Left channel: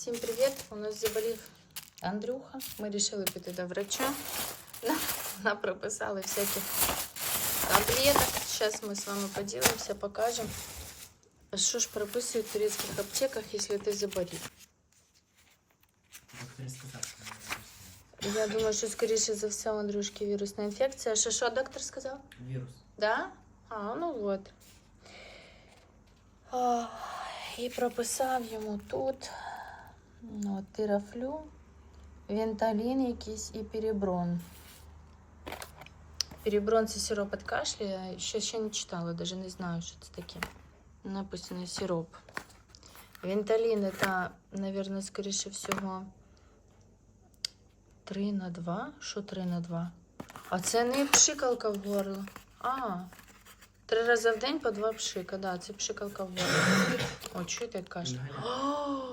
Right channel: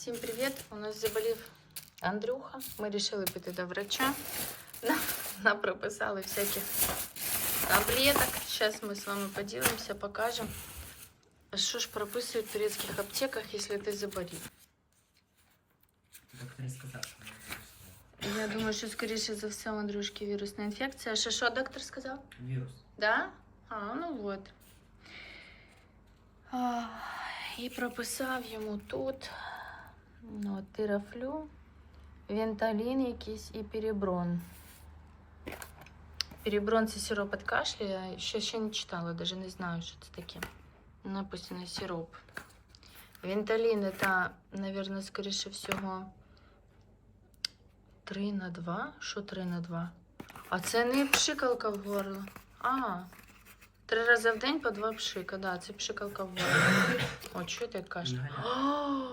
Всім привіт! У нас заболів Андрюха. Ми вирішили піти до врача. Нам, нам прописали всяких таблеток. Зараз ми з вами поділимося, покажемо. Що ж прописують в турецьких аптеках, якщо ти заболів? Доктор сказав, що не Я думаю, що скоріше за все у Андрюшки вірусна інфекція. Що, що доктор сказав? вірус. Да? А, ну вот. А, І прописав йому тут ну, от, тирафлю, венталін якийсь і переброн. Переброн це сироп від кашля. Я ще, ще не читала, даже не знаю, що це таке. Написано сироп. Венталін це, наверное, скоріше всього 3 на 2. Що 3 на 2? А це не пшикалка в горло. А, три рази в день по два пшика. Да, це пшикалка в горло. О, чуєте? О, Інгалятор.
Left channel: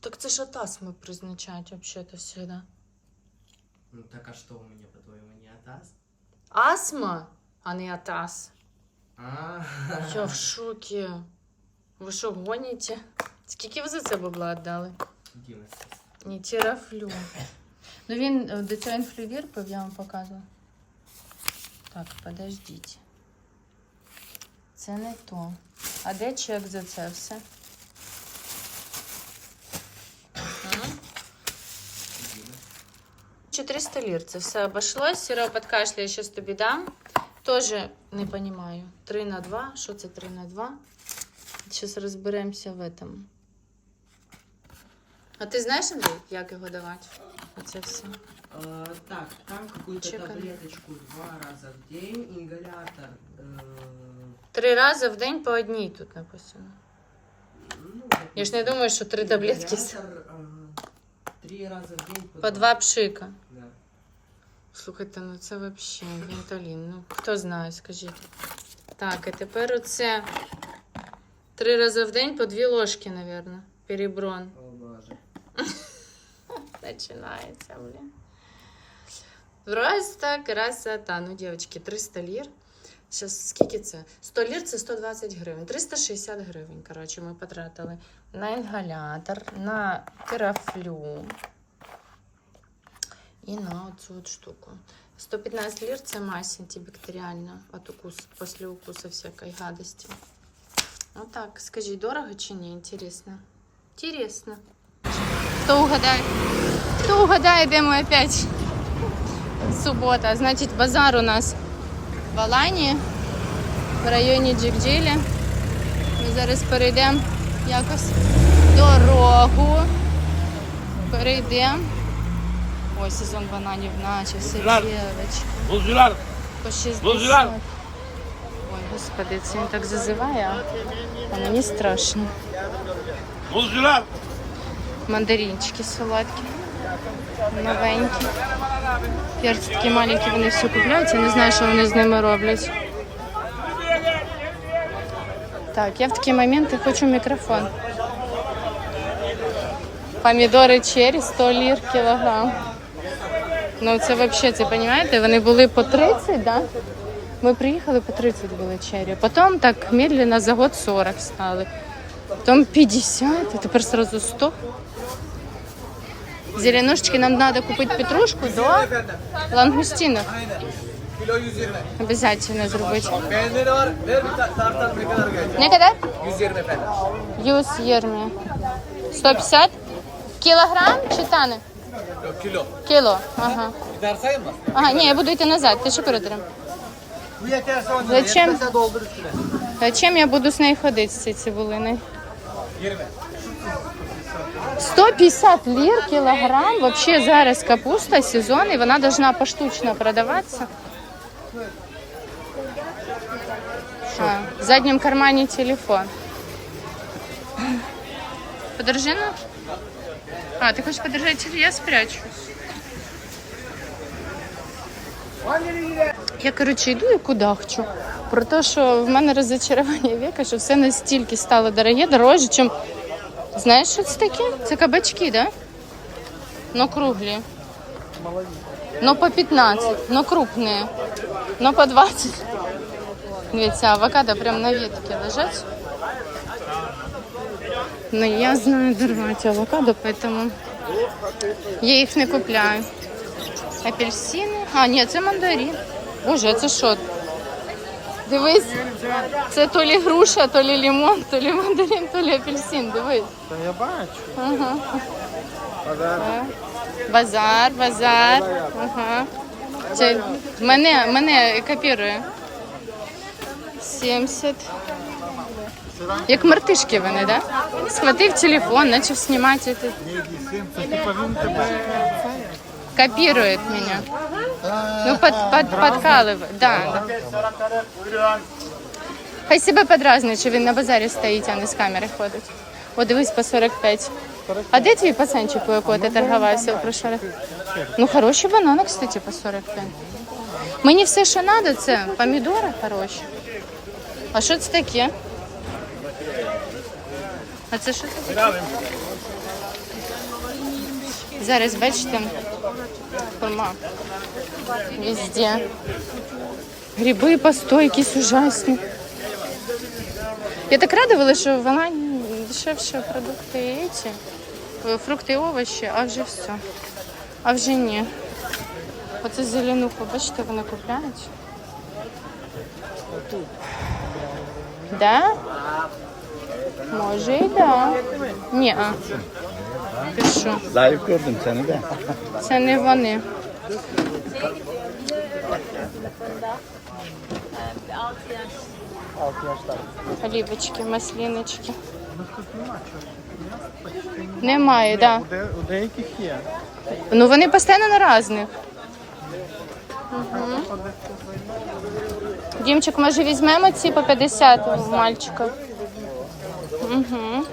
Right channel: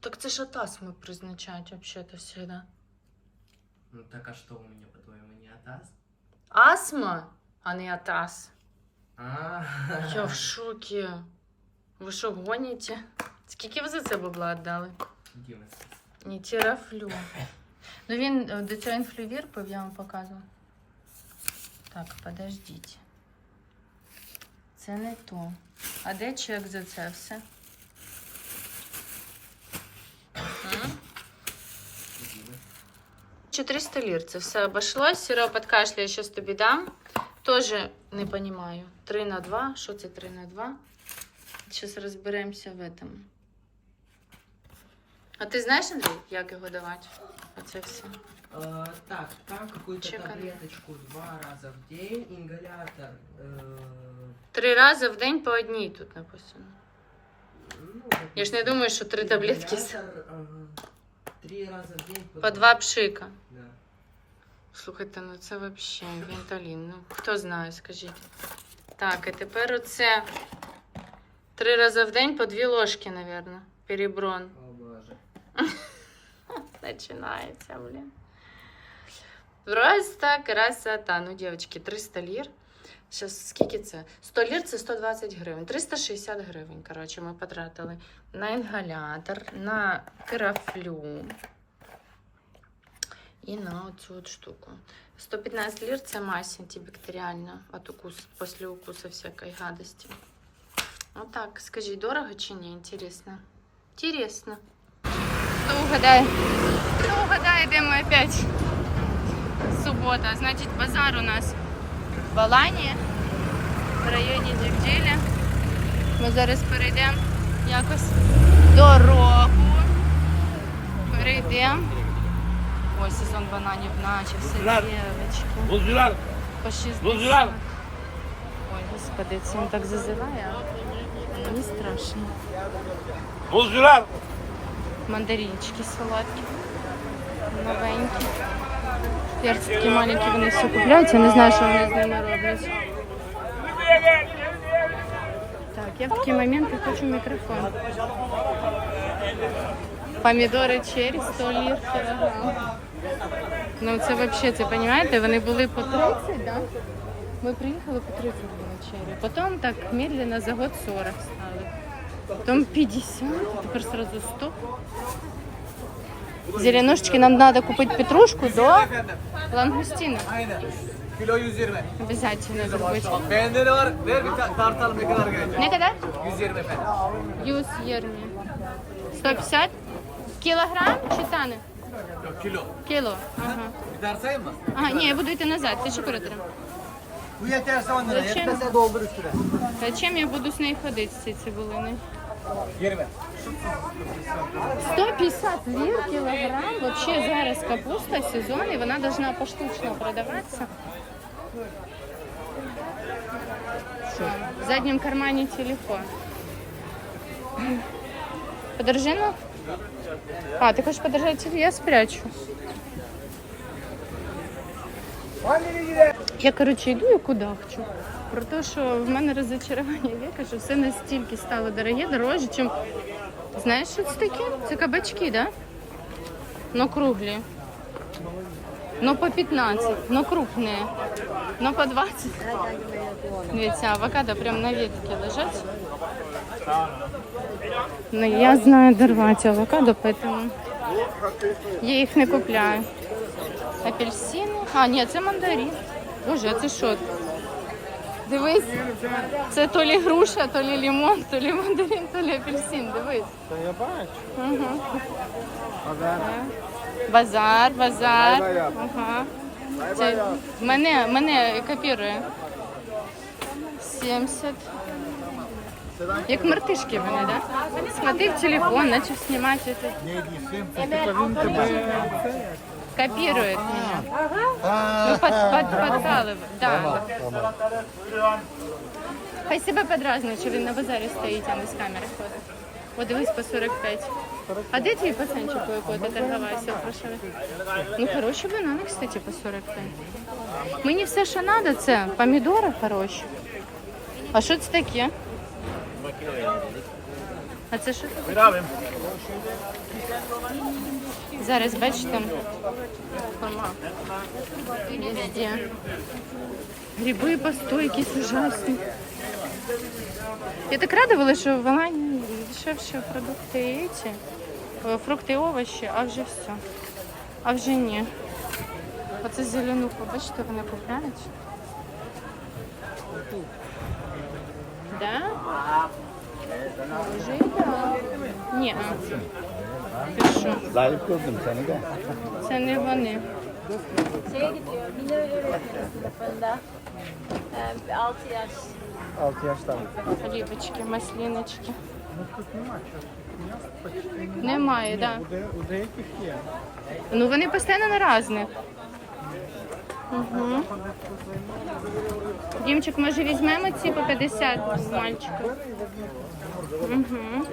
Так це ж от астми призначають взагалі-то всегда. Ну так а что у меня, по-твоему, не атас? Астма, а не атас. А, Я в шокі. Ви що, гоніте? Скільки ви за це бабла віддали? 11. Ні, тірафлю. Ну він е, до цього інфлювір пив, я вам показувала. Так, подождіть. Це не то. А де чек за це все? Ага. 400 лір. Це все обошлось. Сироп від кашля я зараз тобі дам. Тоже не розумію. 3 на 2. Що це 3 на 2? Зараз розберемося в этом. А ти знаєш, Андрій, як його давати? Оце все. А, так, там какую-то Чекай. таблеточку два раза в день, ингалятор. э, Три рази в день по одній тут написано. ну, Я ж не думаю, що три таблетки з- Ингалятор, э, Три раза в день. по два пшика. Слухайте, ну це взагалі венталін. Ну, хто знає, скажіть. Так, і тепер оце три рази в день по дві ложки, мабуть. Переброн. О боже. Починається, блін. Просто красота. Ну, дівчатки, 300 лір. Зараз скільки це? 100 лір це 120 гривень. 360 гривень, коротше, ми потратили на інгалятор, на терафлю і на оцю от штуку. 115 лір це мазь антибактеріальна от укус, після укусу всякої гадості. Отак, скажіть, дорого чи ні? Інтересно. Інтересно. Хто угадає? Хто угадає, де ми опять? Субота. Значить, базар у нас в Алані, в районі Джівджілі. Ми зараз перейдемо якось дорогу. Перейдемо. Ой, сезон бананів начався, дівчатку. По 60. Ой, господи, це він так зазиває, а мені страшно. Мандаринчики солодкі, новенькі. Перці такі маленькі, вони все купляють, я не знаю, що вони з ними роблять. Так, я в такі моменти хочу мікрофон. Помідори черрі 100 лір кілограм. Ну це взагалі, це розумієте, вони були по 30, да? Ми приїхали по 30 були черрі. Потім так медленно за год 40 стали. Потом 50, а теперь сразу 100. Зеленушечки нам надо купить петрушку до лангустинов. Kilo 120. Обязательно зробити. Beğenleri var. Ver bir ta- tartalım ne kadar gelecek. Не когда? 120. Юс єрмі. 150 кілограм чи тани? Kilo. Кіло. Ага. Bir tane? Ага, ні, я буду йти назад. Ти що передерем? Bu yeterse on Zачем? Yeterse doldur üstüne. Чим я буду з нею ходити з цією цибулиною? 20. 150 лір кілограм. Вообще зараз капуста сезон, і вона должна поштучно продаватися. А, в заднем кармане телефон. Подержи ну. А, ти хочеш подержати? Я спрячу. Я, коротше, йду і кудахчу. Про те, що в мене розочарування віка, що все настільки стало дороге, дорожче, чим Знаєш, що це таке? Це кабачки, да? Но круглі. Но по 15, но крупні. Но по 20. Дивіться, авокадо прям на ветці лежать. Но я знаю дорвать авокадо, поэтому я їх не купляю. Апельсини. А, ні, це мандарин. Боже, а це що? Дивись, це то лі груша, то лі лимон, то лі мандарин, то лі апельсин. Дивись. Та я бачу. Ага. Подарок. Базар, базар. Ага. Це мене, мене копірує. 70. Як мартишки вони. Да? Схватив телефон, почав знімати. це. Тебе це. Копирует меня. Ну, под, под, подкалывает. Да. Хай себе подразнює, що він на базарі стоїть, а не з камери ходить. О, дивись, по 45. А де твій пацанчик, у якого ти торгувався в прошлый раз? Ну, хороші банани, кстати, по 45. Мені все, що треба, це помідори хороші. А що це таке? А це що це таке? Зараз бачите, форма. Везде. Гриби по якісь ужасні. Я так радувала, що в Алані дешевші продукти і ці, е, фрукти і овочі, а вже все. А вже ні. Оце зеленуху, бачите, вони купляють. Да? Може і да. Ні, а. Ти що? Кожним це не де. Це не вони. Олівочки, масліночки. Ну тут нема чого. М'ясо почти немає. Немає, так. Де, у деяких є. Ну вони постійно на різних. Займає. Дімчик, може візьмемо ці по 50 у мальчика? Угу.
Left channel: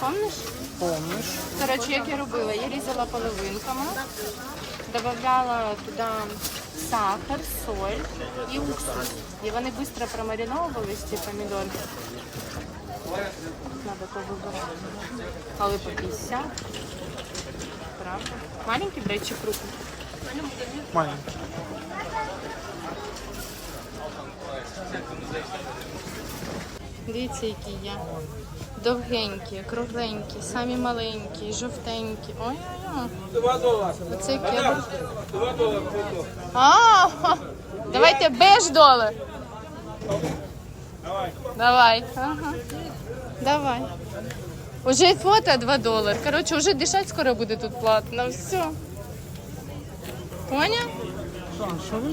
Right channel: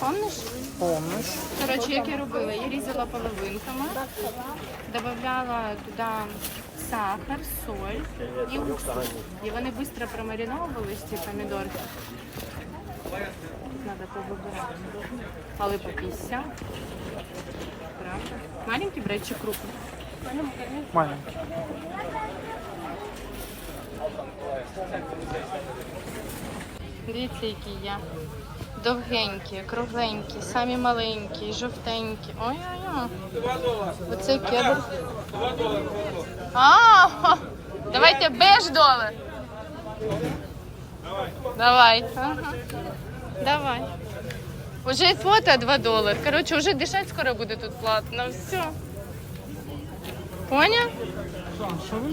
Помниш? Помниш? Коротше, як я робила, я різала половинками, додавала туди сахар, соль і уксус. І вони швидко промариновувались, ці помідорки. Надо повибирати. Але по 50. Правда? Маленький брать чи крупний? Маленький. Дивіться, які я. Довгенькі, кругленькі, самі маленькі, жовтенькі. Ой-ой-ой. Оце кедр. А, давайте беж долар. Давай. Ага. Давай. Уже фото 2 долари. Коротше, уже дишать скоро буде тут платно. Все.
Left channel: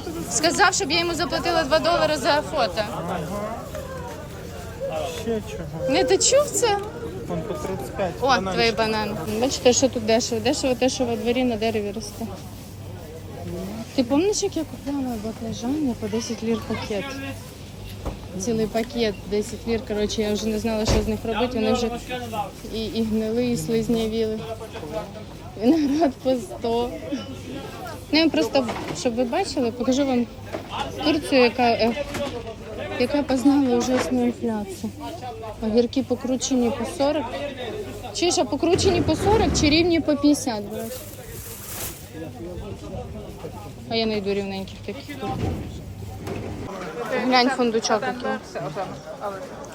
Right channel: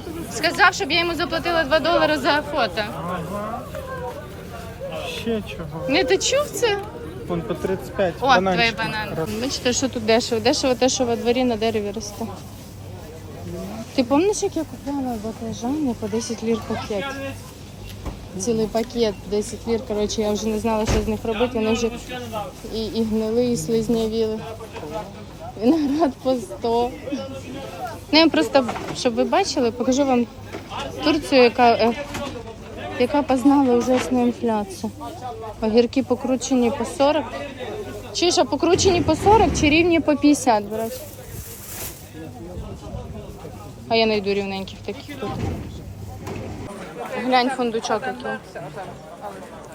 Тобі? Сказав, щоб я йому заплатила 2 долари за фото. Ще чого? Не ти чув це? Вон по 35. О, Бананчик. твої банани. Бачите, що тут дешево? Дешево те, що во дворі на дереві росте. Ти пам'ятаєш, як я купляла баклажани по 10 лір пакет? Цілий пакет 10 лір. Коротше, я вже не знала, що з них робити. Вони вже і, і гнили, і слизнявіли. Виноград по 100. Ну, я просто, щоб ви бачили, покажу вам Турцію, яка, е, яка познала ужасну інфляцію. Огірки покручені по 40. Чи ж, а покручені по 40 чи рівні по 50, брат? А я знайду рівненьких таких. Глянь фундучок який.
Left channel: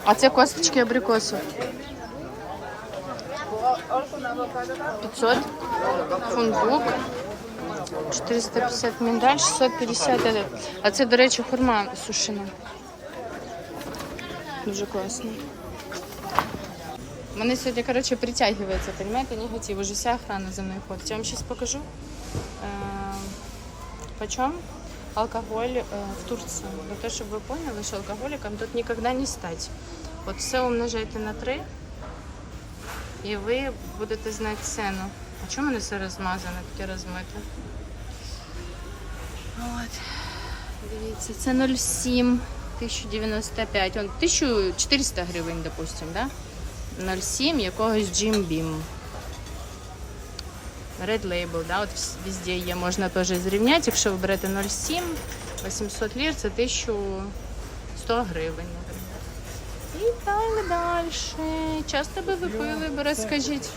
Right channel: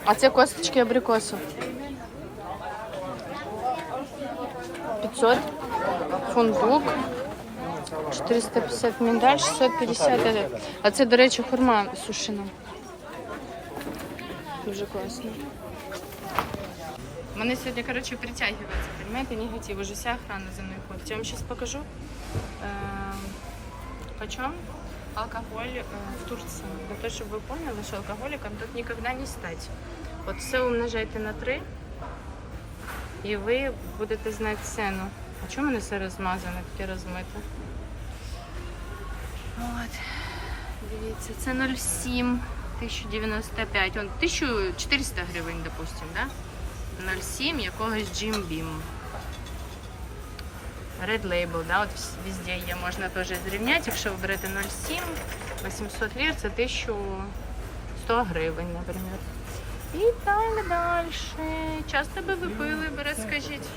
А це косточки абрикосу. 500. Фундук. 450 міндаль, 650. этот. А це, до речі, хурма сушена. Дуже класно. Мене сьогодні, коротше, притягується, понимаете, негатив. Уже вся охрана за мною ходить. Я вам сейчас покажу, э, почем алкоголь э, в Турции. Для того, щоб ви поняли, що алкоголиком тут никогда не стать. От все умножайте на 3, і ви будете знати ціну. А чому мене все розмазане, таке розмите? От. Дивіться, це 0,7, 1095, он 1400 гривень, допустим, да? 0,7 якогось Jim Beam. Red Label, да, от везде є, можна теж зрівняти. Якщо ви берете 0,7, 800 лір, це 1100 гривень, наприклад. І так далі. Часто би ви пили, б, розкажіть.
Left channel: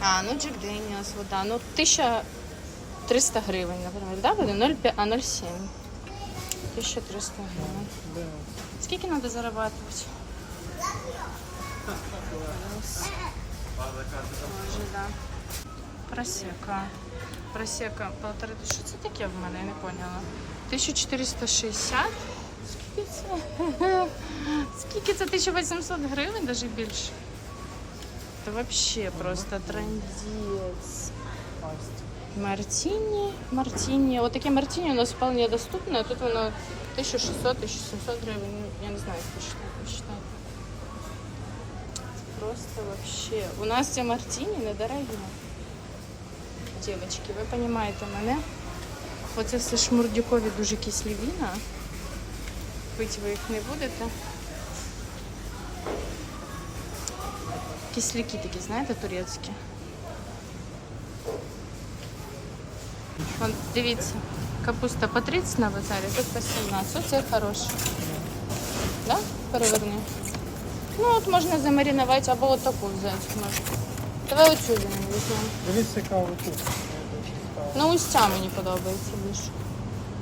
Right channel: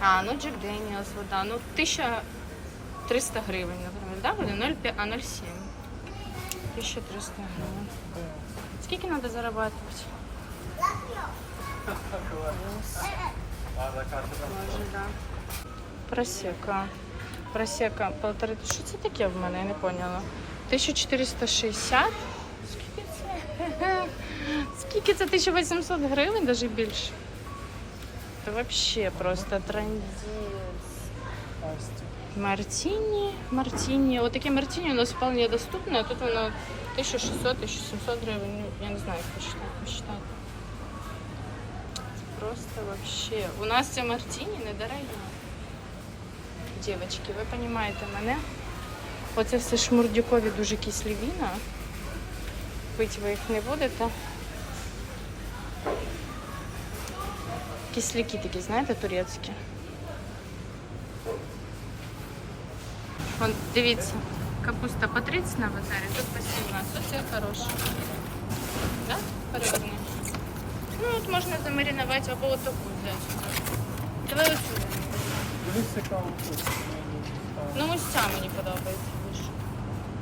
А, ну Джек Деніас, вода. Ну, 1300 гривень, наприклад, да, буде? 0,5, а 0,7. 1300 гривень. Скільки треба заробляти? Може, да. Просека. Просека полтори. Що це таке в мене? Я не поняла. 1460. Скільки це? Скільки це 1800 гривень, навіть більше? Це взагалі просто транзит. Мартіні, Мартіні. От таке Мартіні у нас вполне доступне, а тут воно 1600-1700 гривень. Ну, я не знаю, як посчитати. Просто вообще. У нас це Мартіні недорогі. Дівчатки, ви розумієте мене? Оце все шмурдюкові дуже кислі віна. Пити ви їх не будете. Кисляки такі, знаєте, турецькі. Вон, дивіться, капуста по 30 на базарі, тут по 17. Оце хороше. Да? Переверни. Ну, от можна замаринувати або от таку взяти. можна. Давай оцю візьмемо. Дивись, цікаво. Ну, ось ця мені подобається більше.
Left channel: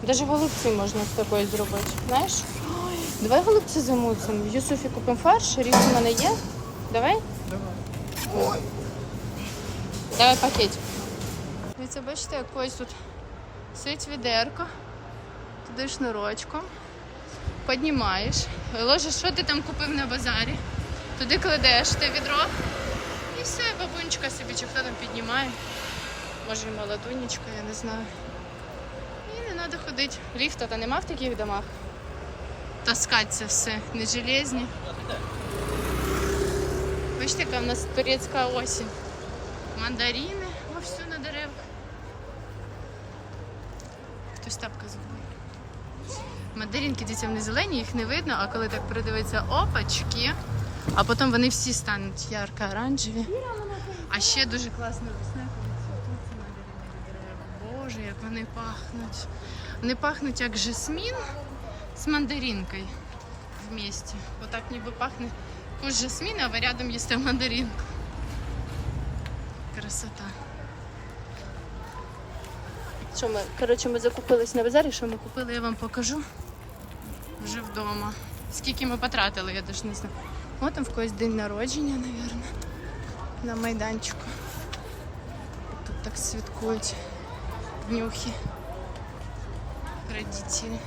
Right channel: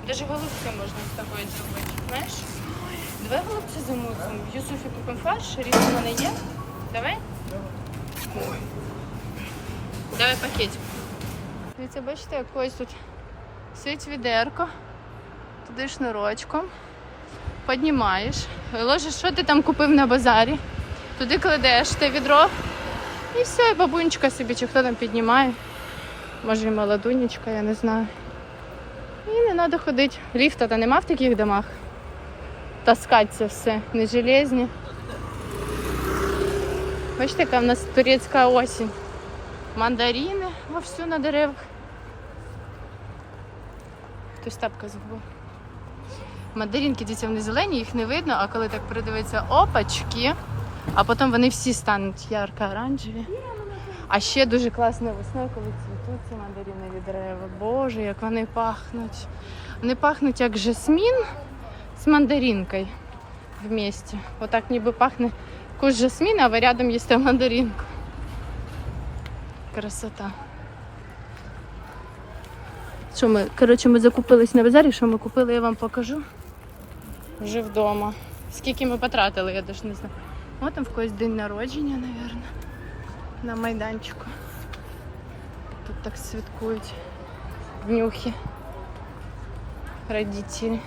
Даже голубці можна з такої зробити. Знаєш? Давай голубці замусимо. В Юсуфі купимо фарш, ріс в мене є. Давай? Ой. Давай пакетик. Дивіться, бачите, якось тут сить відерко, туди шнурочком, піднімаєш, ложиш, що ти там купив на базарі, туди кладеш те відро, і все, і бабунечка собі, чи хто там піднімає. Може і молодунечка, я не знаю. І не треба ходити. Ліфта то нема в таких домах. Таскати це все, не железні. Бачите, яка в нас турецька осінь. Мандарини вовсю на деревах. Хтось тапка забув. Мандаринки, дивіться, вони зелені, їх не видно, а коли так придивиться опачки, а потім вони всі стануть ярко-оранжеві. А ще дуже класно весною, коли цвітуть ці мандаринові дерева. Боже, як вони пахнуть. Вони пахнуть як жасмін з мандаринкою вместе. Отак ніби пахне куш жасмін, а ви рядом їсте мандаринку. Красота. Що ми, коротше, ми закупились на базарі, що ми купили, я вам покажу. Вже вдома. Скільки ми потратили, я навіть не знаю. О, там в когось день народження, мабуть, на майданчику. Тут так святкують днюхи родителі.